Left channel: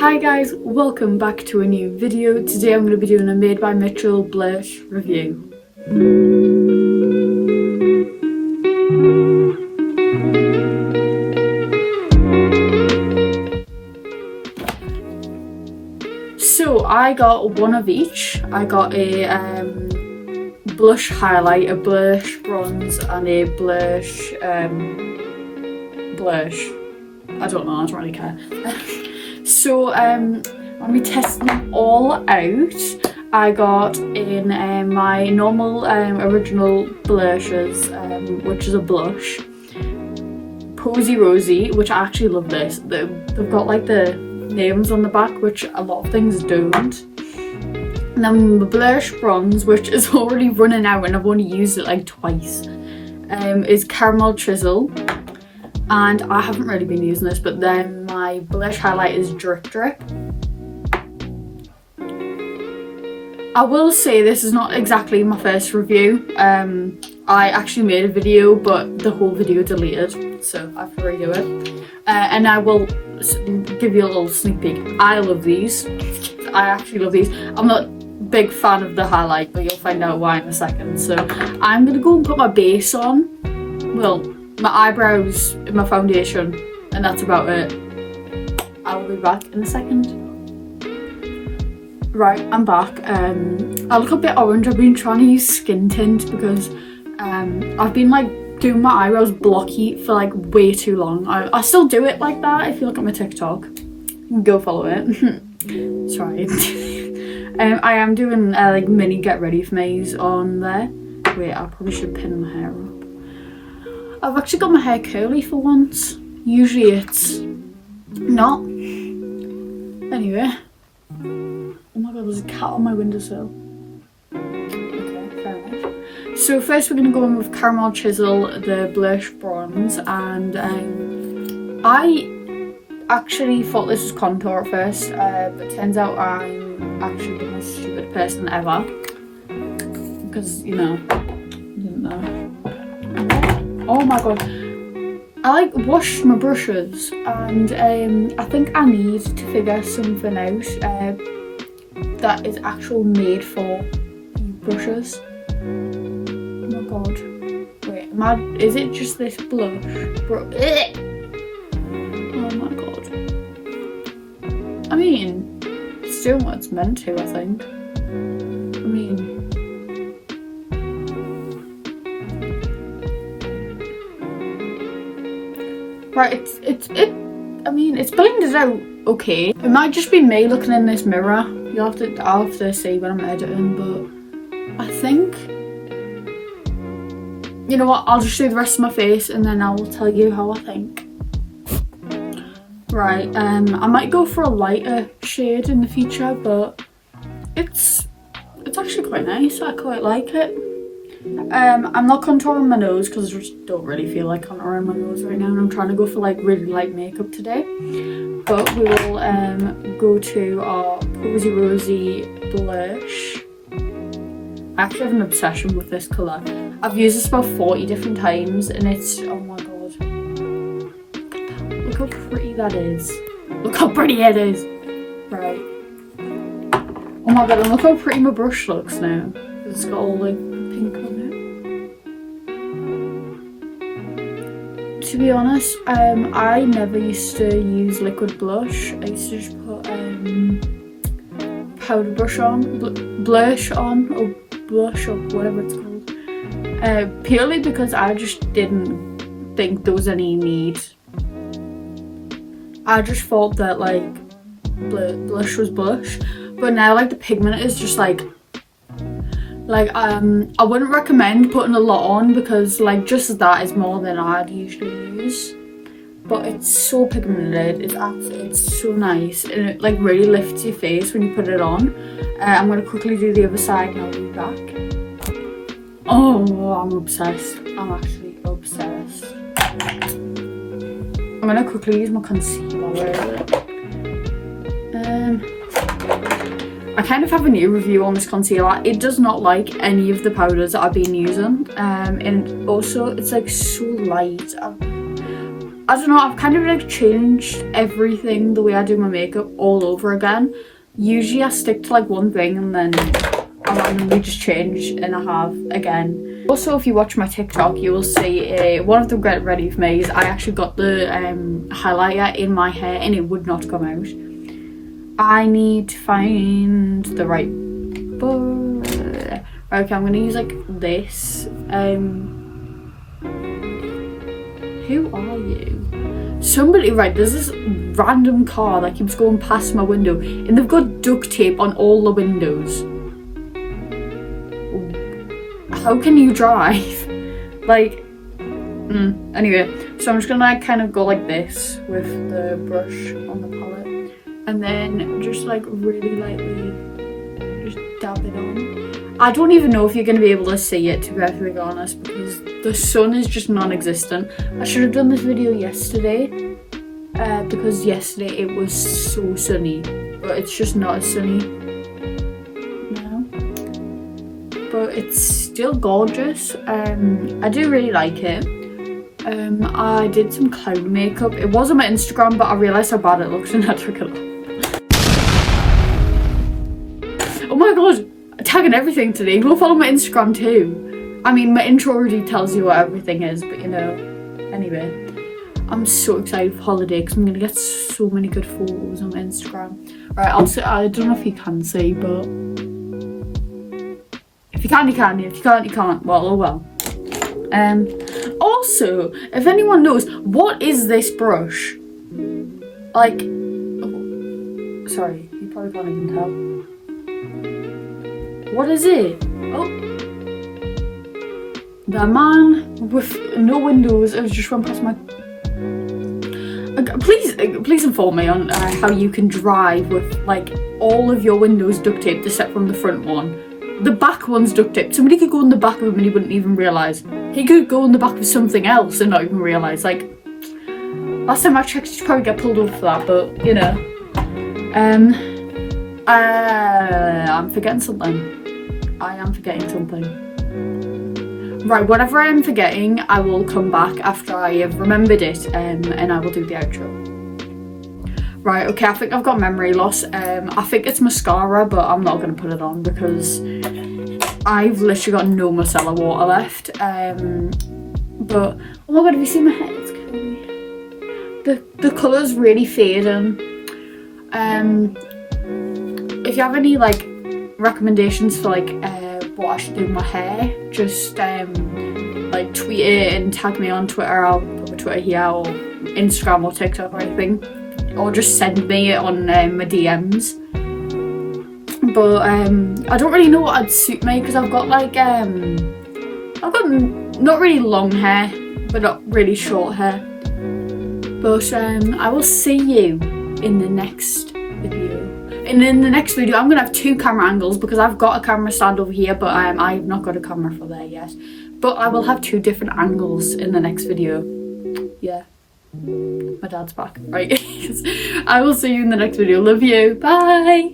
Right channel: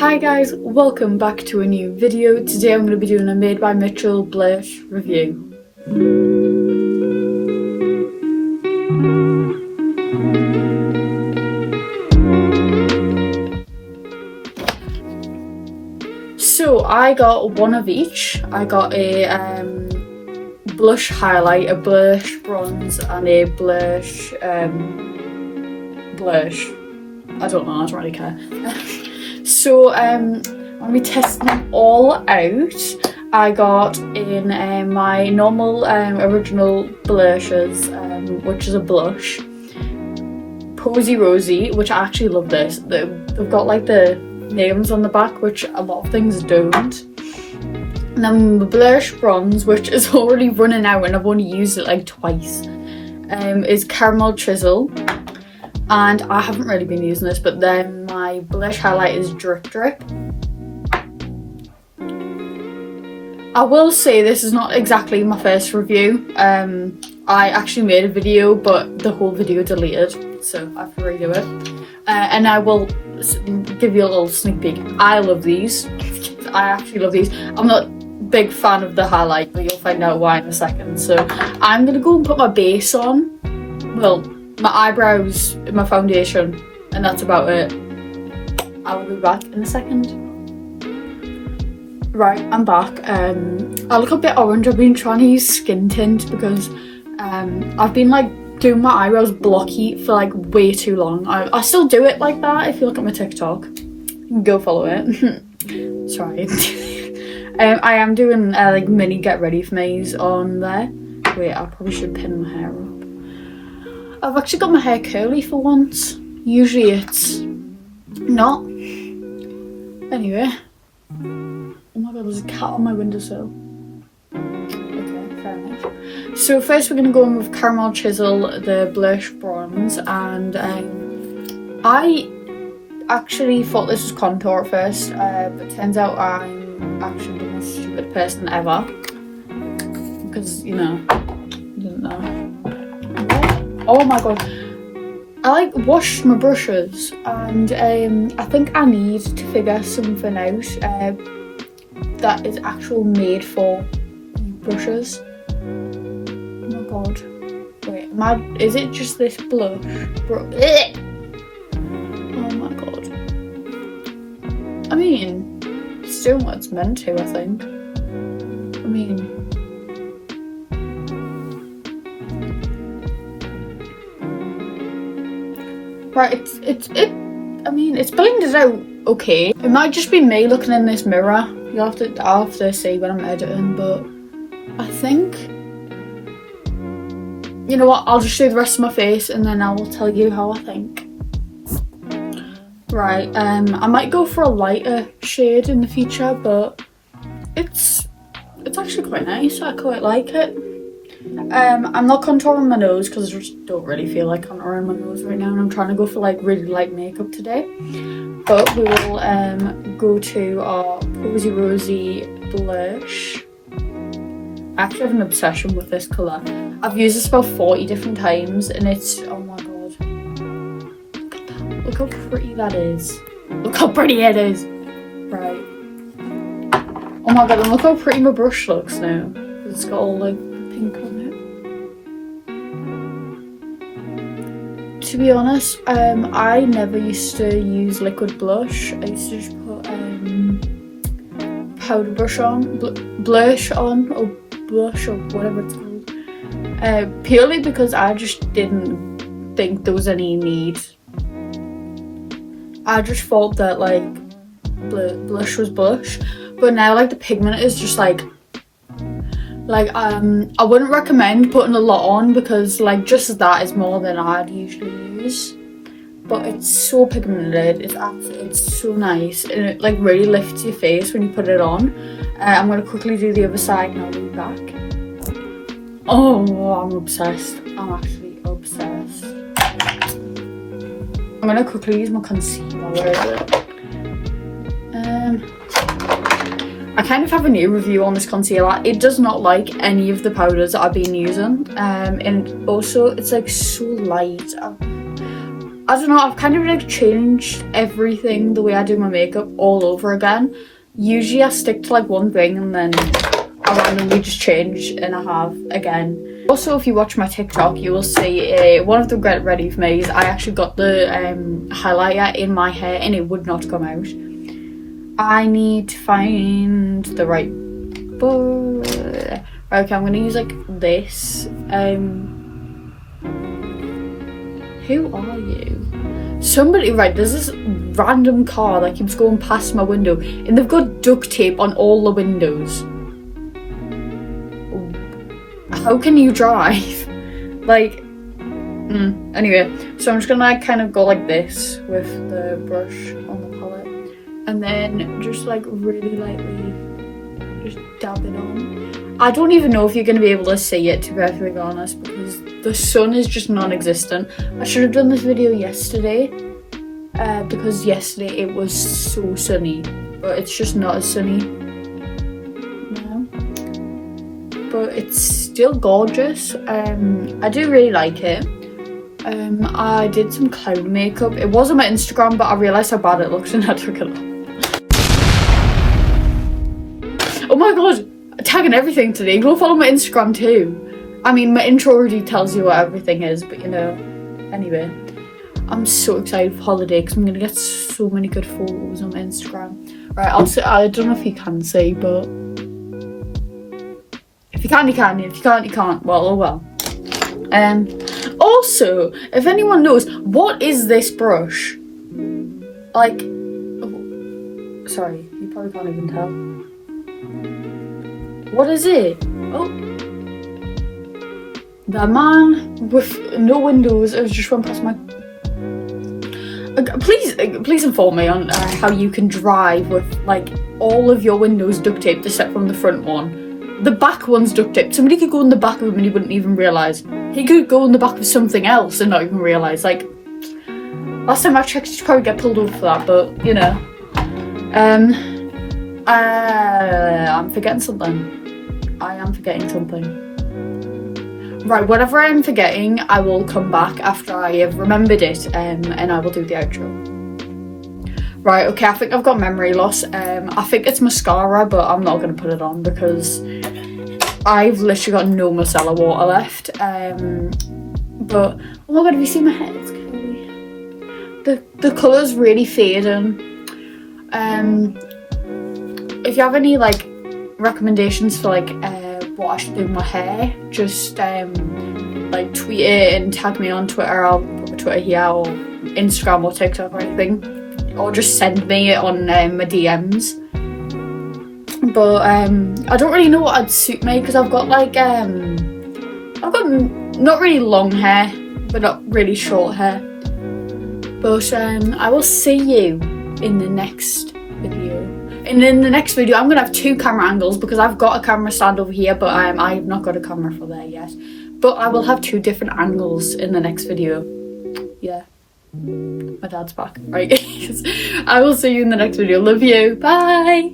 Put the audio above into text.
Hi guys, welcome back to a new video. Today I'm going to be doing a Made by Mitchell blush review. So I got one of each. I got a blush highlight, a blush bronze and a blush I don't know, I don't really care. So I'm going to be testing them all out. I got in my normal original blushes, which is a blush, Posy Rosy, which I actually love this. They've got like the names on the back, which a lot of things don't. And then the blush bronze, which is already running out and I've only used it like twice, is Caramel Chisel. And I haven't really been using this, but then my blush highlight is Drip Drip. I will say this is not exactly my first review. I actually made a video, but the whole video deleted, so I have to redo it. And I will give you a little sneak peek. I love these. I actually love these. I'm not a big fan of the highlight, but you'll find out why in a second. So I'm gonna go put my base on. Well, my eyebrows, my foundation, and that's about it. I'll be back in a second. Right, I'm back. I look a bit orange. I've been trying to use skin tint because I've been like doing my eyebrows blocky for like way too long. I still do it like that. If you look at my TikTok, go follow it. Sorry. I am doing like mini get ready for me's on there. Wait, I probably should pin my hair up. I've actually got my hair curly for once. Usually it's not. Anyway. Oh my god, there's a cat on my windowsill. Okay, fair enough. So first we're going to go in with Caramel Chisel, the blush bronze. And I actually thought this was contour at first. But turns out I'm actually the most stupid person ever. Because, you know, didn't know. Oh my god, I like washed my brushes and I think I need to figure something out that is actually made for brushes. Oh my god, wait, is it just this blush? Oh my god. I mean, it's doing what it's meant to, I think. I mean, right, I mean, it's blended out okay. It might just be me looking in this mirror. I'll have to see when I'm editing, but I think, you know what, I'll just do the rest of my face and then I will tell you how I think. Right, I might go for a lighter shade in the future, but it's actually quite nice. I quite like it. I'm not contouring my nose because I just don't really feel like contouring my nose right now, and I'm trying to go for like really light makeup today. But we will go to our Posy Rosy blush. I actually have an obsession with this colour. I've used this about 40 different times and it's, oh my god. Look at that. Look how pretty that is. Look how pretty it is. Right. Oh my god, and look how pretty my brush looks now. It's got all the pink on it. To be honest, I never used to use liquid blush. I used to just put powder brush on, blush on, or blush, or whatever it's called. Purely because I just didn't think there was any need. I just thought that like blush was blush, but now like the pigment is just like I wouldn't recommend putting a lot on because like just that is more than I'd usually use. But it's so pigmented, it's so nice, and it like really lifts your face when you put it on. I'm gonna quickly do the other side and I'll be back. Oh, I'm obsessed. I'm actually obsessed. I'm gonna quickly use my concealer. I kind of have a new review on this concealer. It does not like any of the powders that I've been using, and also it's like so light. I don't know, I've kind of like changed everything, the way I do my makeup, all over again. Usually I stick to like one thing and then I randomly just change, and I have again. Also, if you watch my TikTok, you will see one of the Get Ready With Me's. I actually got the highlighter in my hair and it would not come out. I need to find the right right, okay, I'm gonna use like this. Who are you? Somebody, right, there's this random car that keeps going past my window and they've got duct tape on all the windows. How can you drive? Like, anyway, so I'm just gonna like, kind of go like this with the brush on the palette and then just like really lightly just dab it on. I don't even know if you're gonna be able to see it, to be perfectly honest, because the sun is just non-existent. I should have done this video yesterday because yesterday it was so sunny, but it's just not as sunny now. But it's still gorgeous. I do really like it. I did some cloud makeup. It was on my Instagram, but I realised how bad it looks and I took it off. Oh my god, I'm tagging everything today. Go follow my Instagram too. I mean, my intro already tells you what everything is, but you know, anyway. I'm so excited for holiday because I'm going to get so many good photos on my Instagram. Right, I don't know if you can see, but if you can, you can. If you can't, you can't. Well, oh well. Also, if anyone knows, what is this brush? Like, oh, sorry, you probably can't even tell. What is it? Oh. The man with no windows, it was just went past my... Please inform me on how you can drive with like all of your windows duct taped except from the front one. The back one's duct taped. Somebody could go in the back of him and he wouldn't even realise. He could go in the back of something else and not even realise. Like, last time I checked, you'd probably get pulled over for that, but you know. I'm forgetting something. I am forgetting something. Right, whatever I'm forgetting, I will come back after I have remembered it, and I will do the outro. Right, okay, I think I've got memory loss. I think it's mascara, but I'm not going to put it on because I've literally got no micellar water left. But, oh my god, have you seen my hair? It's curly. The colour's really fading. If you have any, like, recommendations for, like, what I should do with my hair, just like tweet it and tag me on Twitter. I'll put my Twitter here, or Instagram or TikTok or anything, or just send me it on my DMs. But I don't really know what would suit me because I've got like I've got not really long hair but not really short hair. But I will see you in the next video. And in the next video, I'm going to have two camera angles because I've got a camera stand over here, but I have not got a camera for there yet. But I will have two different angles in the next video. Yeah. My dad's back. Right. I will see you in the next video. Love you. Bye.